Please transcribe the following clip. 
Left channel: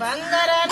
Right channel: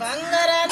బంగారం